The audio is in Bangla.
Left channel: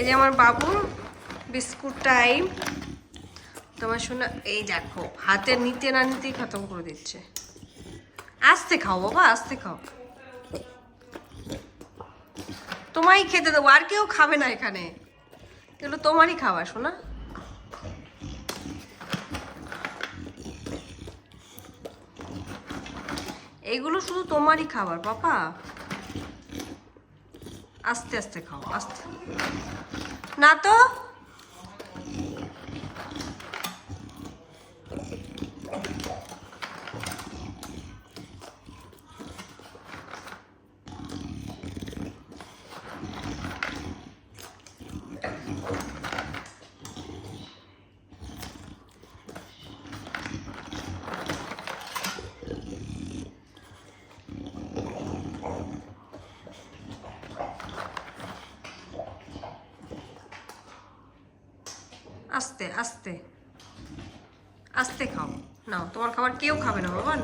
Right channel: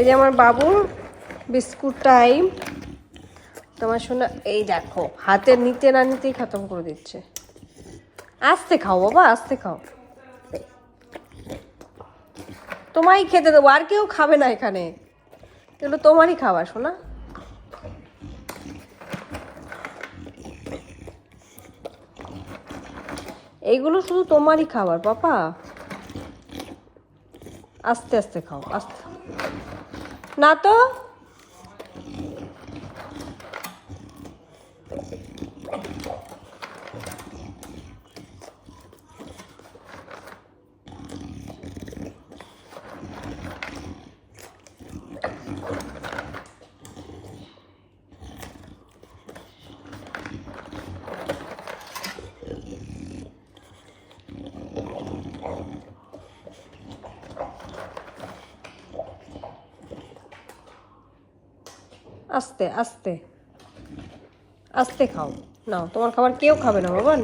এই যে আমার বাবুর বিস্কুট টাইম। তোমার শোনা এই দেখো হাতে নিতে না নিতেই খতম করে দিচ্ছে। আস্তে খাও বাবা, আস্তে খাও। তোমারই খেতে দেবো, আর কেউ খাবে না এখানে, এগুলো তোমারই খাবার শোনা। এইগুলো শুধু তোমারই খাবার পাপা, আস্তে আস্তে খাও, আস্তে। না তো আস্তে আস্তে আস্তে খাও। নাও তোমার খাবার কেউ খাবে না বাবা।